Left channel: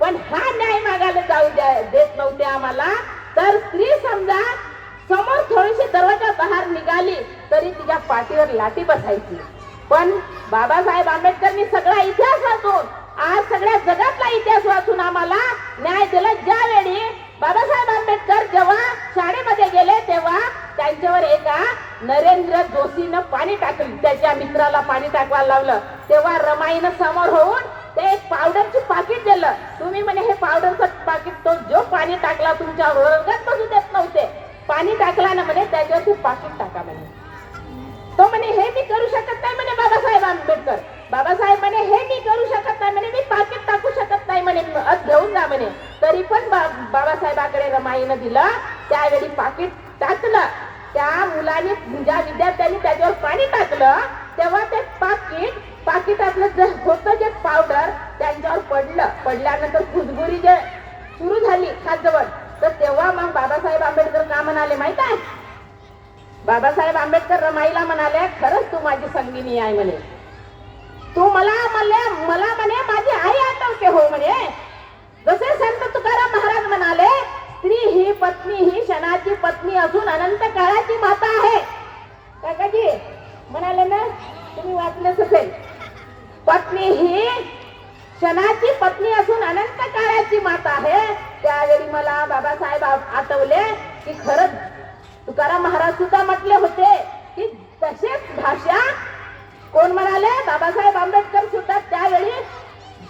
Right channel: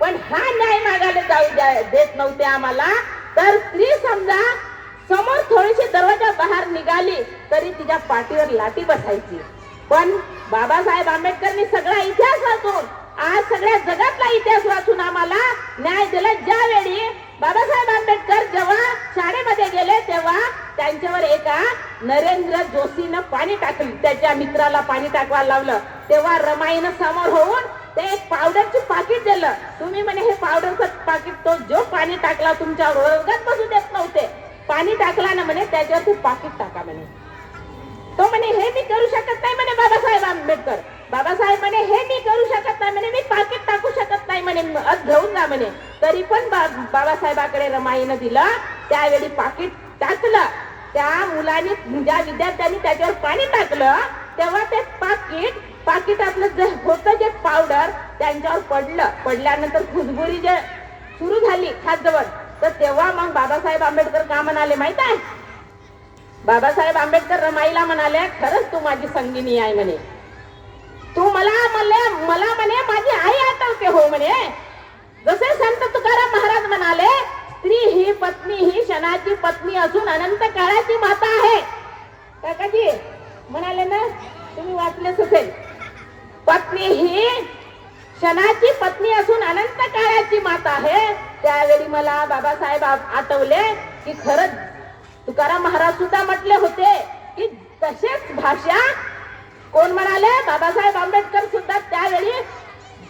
पण हा न्याय मागायला देत नव्हते आम्हाला. तर स्त्री समजा समोर थोडीशी दरवाजा बाहेर निघाली तरी तिच्या पाठीवर लाठी बसायची. पण बाबासाहेब आंबेडकरांनी सगळा इतिहास वाचून, आज सगळ्या जगातला इतिहास वाचून आम्हाला न्याय दिला. ज्यावेळी बाबासाहेब आंबेडकर जेव्हा शाळेमध्ये गेले तेव्हा त्यांच्यावर एका नरेंद्र जोशीनं पाणी टाकलं, त्याच्या मित्राला पाणी टाकवायला लावलं. तेव्हा रमाईनं समोर होऊन ते एक पावडरची पाकिट दिलं. तुम्ही म्हणे हे पावडरचं पाकिट, तो जो पाणी टाकला तुमच्या वर्गात बसू देत नव्हते, पाणी टाकला ना म्हणे त्याच्यावर तू पाकिट टाका म्हणे. तो म्हणे हे मी करू शकत नाही म्हणे बाबासाहेब आंबेडकर. बाबासाहेब म्हणे हे मी करू शकत नाही म्हणे, मी पाकिट टाकू शकत नाही म्हणे, घेऊन जा म्हणे. तरी पण बाबासाहेबाकडे रमाईनं दिलं. त्यावेळी पाकिट टाकलं. त्या मुलांनी, ज्या विद्यार्थ्यांनी त्याच्यावर पाणी टाकलं तेव्हा ते पाकिटातलं जे होतं जे पावडर त्यांच्यावर पडलं. पडल्यानंतर खुजबुरी जे सुरू झाली खाजवण, तर तेव्हा मग बाबासाहेब आंबेडकर का म्हणाले माहित आहे? बाबासाहेब आंबेडकर रमाईला म्हणाले, खरंच तू माझी संगिनी आहे म्हणे. तू मला म्हणे माझी आई आठवते हो म्हणे. जसे संत तुकाराम महाराज म्हणाले, स्त्री ही पत्नी ही क्षणाची पत्नी असून अनंत काळाची माता आहे. काकाजी म्हणाले ना, तुम्ही वाचलेच असेल, पत्नी ही क्षणाची पत्नी असून अनंत काळाची माता आहे. त्यावेळी मला बाबासाहेब आठवले की खरंच तुकाराम महाराज सुद्धा म्हटले होते की तसेच भाषा कोण म्हणाले? बाबासाहेब आंबेडकर सुद्धा त्यावेळी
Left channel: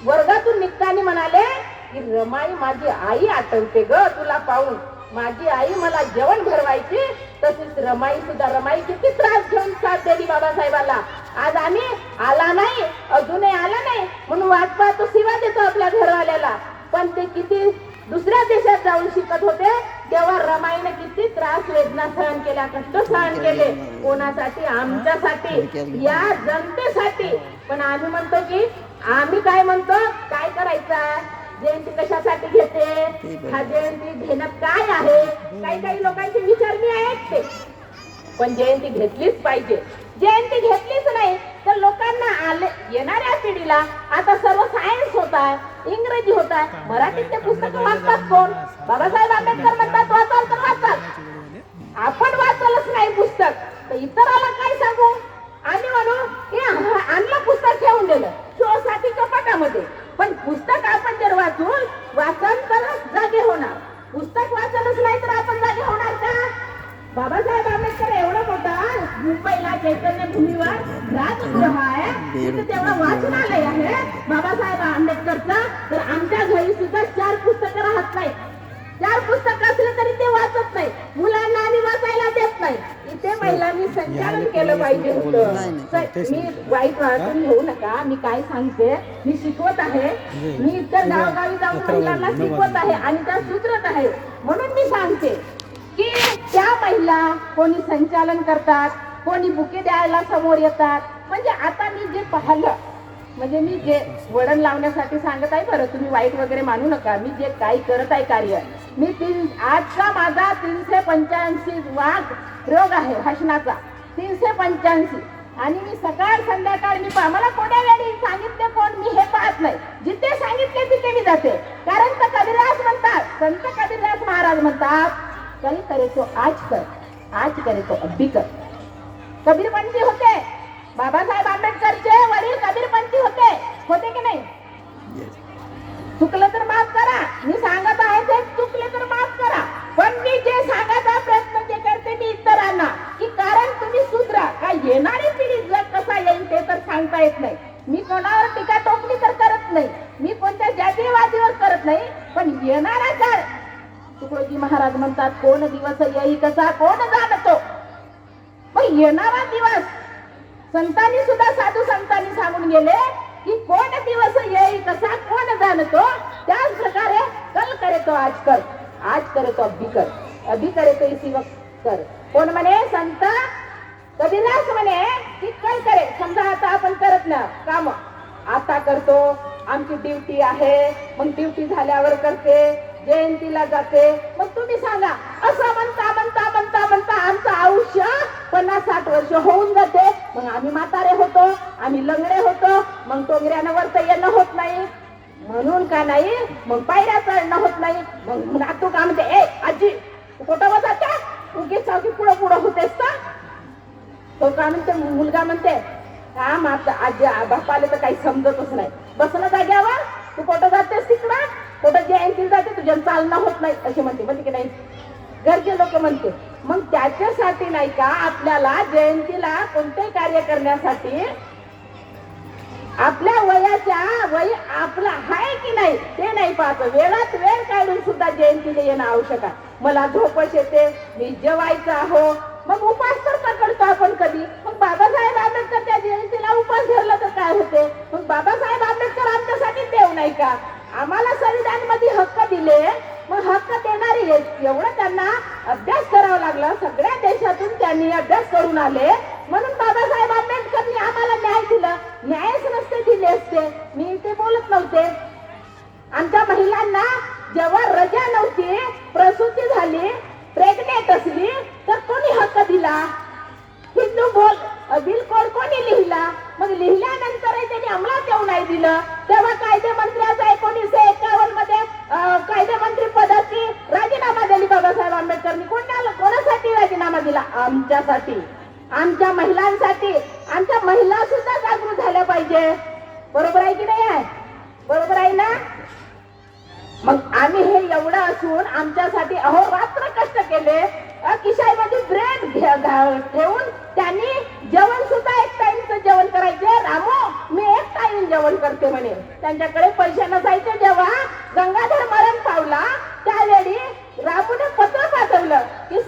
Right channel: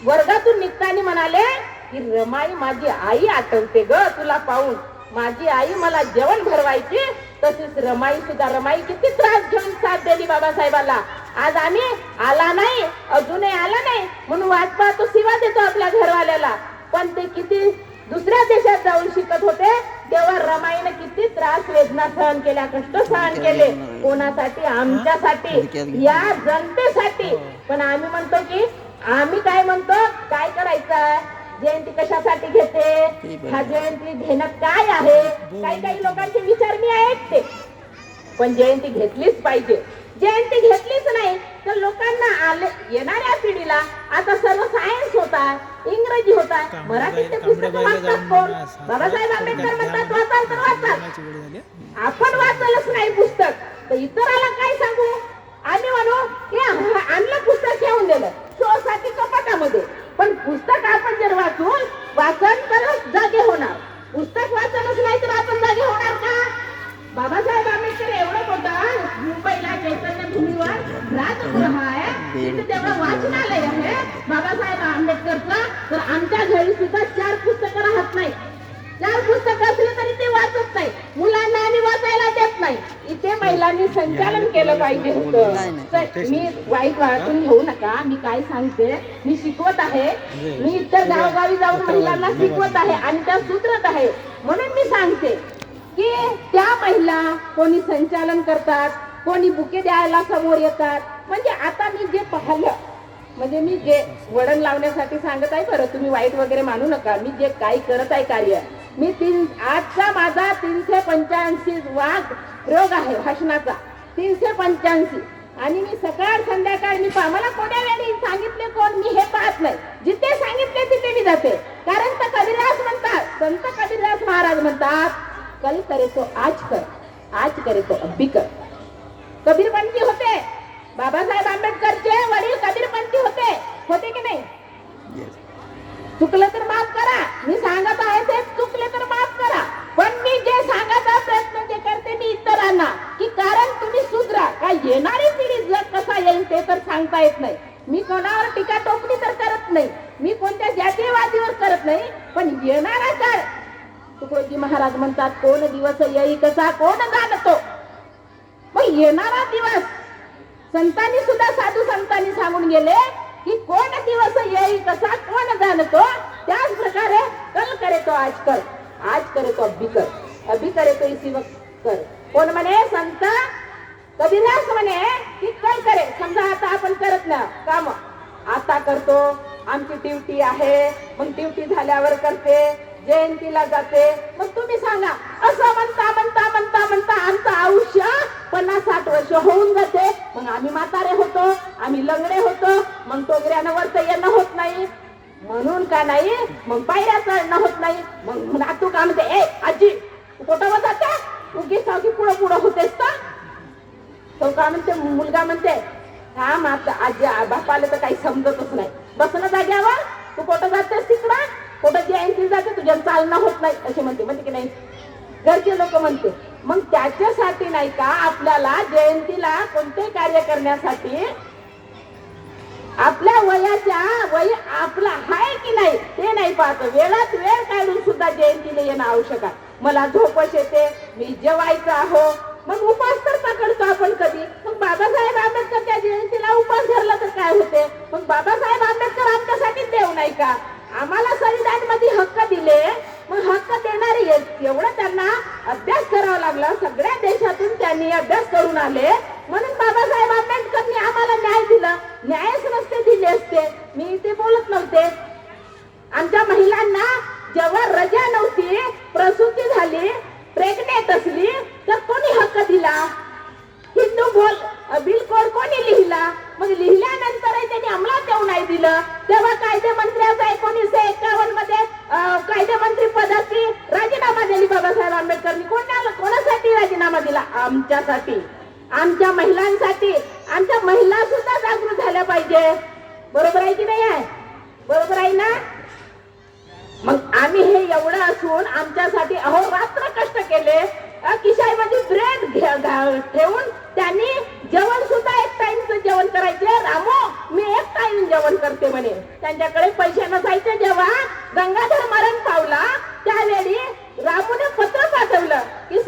वर्गातून निघताना म्हणाले की रमाई माझी आई आठवते ग तुला पाहून. माझी आई मला जेवण भरवायची, तसेच रमाई सुद्धा. रमाई किती त्रास घेऊन साथ दिली बाबासाहेबाला. आज आम्ही आला नाही, अजूनही आला नाही म्हणून वाट पाहतो, सेवा देतो आपल्या घरवाल्याला. पण ते किती दुसऱ्या देशात जाऊन शिकत होते तेव्हा रमाईने किती त्रास वेदना सहन केल्या, कष्ट सहन केले. कोणासाठी? आमच्यासाठी, या जनतेसाठी. पण आम्ही म्हणतो की आम्ही काय म्हणतो, काय करायचं? जयंती कशासाठी घेते? हा जयंती घेण्यात काय आहे? काही लोकांचे विचार मी ऐकते, पण जयंती घेतलीच पाहिजे. जयंती घेतलीच नाही तर लोकांना येणाऱ्या पिढीला आता सर्व सायन्स होत आहे, इंग्रजी होत आहे, मराठीचे पुस्तकं वाचतात कोण? बाबासाहेब आंबेडकर म्हणतात वाचाल तर वाचाल. आपण वाचलच नाही पुस्तक तर इतराला काय सांगू? आम्ही म्हणू की आणलं पुस्तक ठेवून दिलं शोसाठी कपाटामध्ये. पण पुस्तक आपण जर वाचन तरच जागे होणार. पुस्तक वाचलच नाही तर आपण जागे होणार का? बाबासाहेब आंबेडकर एवढं मोठं मुंबईला चैतन्य भूमीवर राजगृह आहे, तिथे तेव्हा वाचनालय आहे बाबासाहेब आंबेडकरचं. तर आमच्या घरी सुद्धा 4 पुस्तकं राहत नाही. 4 पुस्तकं असले तरी ते वाचत नाही. मुलांना आम्ही वाचायला देत नाही. इथे महिलांनी संचालन केलं पाहिजे होतं. मी वाईट वाटून घेऊ नका, मी काय सांगते, मी शिकवत आहे. मी इतर गावोगावी जाऊन महिलांना शिकवत आहे आणि त्या सुधरत आहे. म्हणून मी सांगते की त्या महिला कोणी संचालन करतात, कोणी बुके द्यायला समोर येतात. म्हणजे आता मी जे पाहिलं, म्हणजे मी जे वळण लावण्यासाठी सांगत आहे, बरं तुम्ही वाईट वगैरे मानू नका. मी जे काही करत आहे कार्य, मी आजचा माझा 385 वाघ रोग आहे हसण्याचा, 385. आणि मी सकाळ संध्याकाळ मी मला कोण्या वेळी सांगितले कोण, मी हे पाहत नाही. जिथे सांगितले तिथे मी जाते. कारण तर कबीरदास म्हणतात, संत कबीरदास महाराज म्हणतात, कल करे तो आज कर, आज करे तो अभी कर. कबीरपंथी होते बाबासाहेब आंबेडकरचे वडील, कबीरपंथी होते की नाही? चुकलं तर माफ करा, मी सांगत आहे ते चुकले तर माफ करा. पण मी जे सांगायचा प्रयत्न जे करते मी इतरांना की कारण तुम्ही सुधरा. का येणारी पिढी जग कसा येईल ते तर सांगता येत नाही. मी कोणावर टीका टोपणी तर करत नाही, मी कोणत्या जातीयवादीवर करत नाही. पण येणारा काळ, तुकोजी महाराज म्हणतात, कोण दिवस येई कसा कोण जाणतो. मग येणारा दिवस संतांनी सुद्धा, साधू संतांनी सांगून गेले की कोण दिवस येईल कसा कोण जाणतो. त्याच प्रकारे कल करे तो आज कर, आज करे तो अभी कर, अभी करे तो इसी वक्त कर. कोण म्हणे? संत कबीरदास म्हणे की कल करे. समजा आता आपण करत ना काम, आता करतो, आमची ड्युटी आहे, मग ड्युटी झाल्यावर करते, जयंतीला जाते. मग तुम्ही सांगा, असं म्हणता म्हणता म्हणता म्हणता आमचं आयुष्य 50-60 वर्ष होऊन जाते. मग आम्ही म्हातारे होतो, आम्ही लंगडे होतो, मग टोंगऱ्यानं वरत येणं होत नाही. म्हणून का नाही मग पायऱ्या चढणं होत नाही. मग नातू का म्हणते, ए आजी तू कुठं बसायचा, उगीच सावकी पुढं पुढं होतेस का. तो का म्हणते, मुलगा म्हणते, हा माता आजी बापाला तर काही समजतच नाही, बसणं जाग्यावर, तू कुठं जातेस तिकडं, कुठं जयंती जाते, तुझ्या चालणं होत नाही असे म्हणते की नाही घरचे लोक म्हणते. मग त्याच्यासाठी नाही का आपल्याला जयंतीला कोणते कार्य करण्यासाठी आपल्या वय आपला आहे की नाही ते नाही पाहतो, वेळात वेळ काढून सुद्धा जयंतीला येणं आवश्यक आहे. मला झोपच येते, मी जेवायचं आहो, मग उपास तर पकडतो आपण कधी. मग बाबासाहेब आंबेडकर त्या जयंतीला उपास धरला तर काय होते. मग बाबासाहेब आंबेडकर आमच्यासाठी देव नाही का, आम्हाला संविधान मध्ये हक्क दिले, मग हक्क देणारी एवढं त्यांना अभ्यास करावा लागला, सगळ्या देशातून त्यांनी अभ्यास करून आले, म्हणून बाबासाहेब आंबेडकरनी आम्हाला न्याय दिला. न्यायच नसते दिले असते मी ते बोलत नव्हते. आमच्या महिलांना जेव्हा रजा नव्हती, प्रसूती झाली, प्रेग्नेंट असली तर कोणी हक्क दिला, हिंदू बिल कोणी लिहिला. मग लिहिल्यानंतर त्यांनी अंमलात येऊ नाही दिलं, तेव्हा कायदे मंत्र्याचा 1951 मध्ये कायदे मंत्री पदाची राजीनामा दिली बाबासाहेब आंबेडकरांनी. कोणासाठी राजीनामा दिला, आमच्यासाठी, आमच्या महिलांसाठी. आमच्या महिला सुद्धा जागृत झाल्या पाहिजे, बरोबर आहे की नाही आहे, बरोबर आहे ना. मग आम्ही हे एवढं असून आमच्यासाठी अहोरात्र कष्ट केले, खिशामध्ये ब्रेड ठेवून त्यांनी जेवण सुद्धा एक टाइमचं जेवण करायचे. रामो मी एक टाइम जेवण करते म्हणे, त्यांच्याकडे पैसे नसायचे. जेव्हा गंगाधर मरण पावला त्यावेळी रामूने पत्र पाठवलं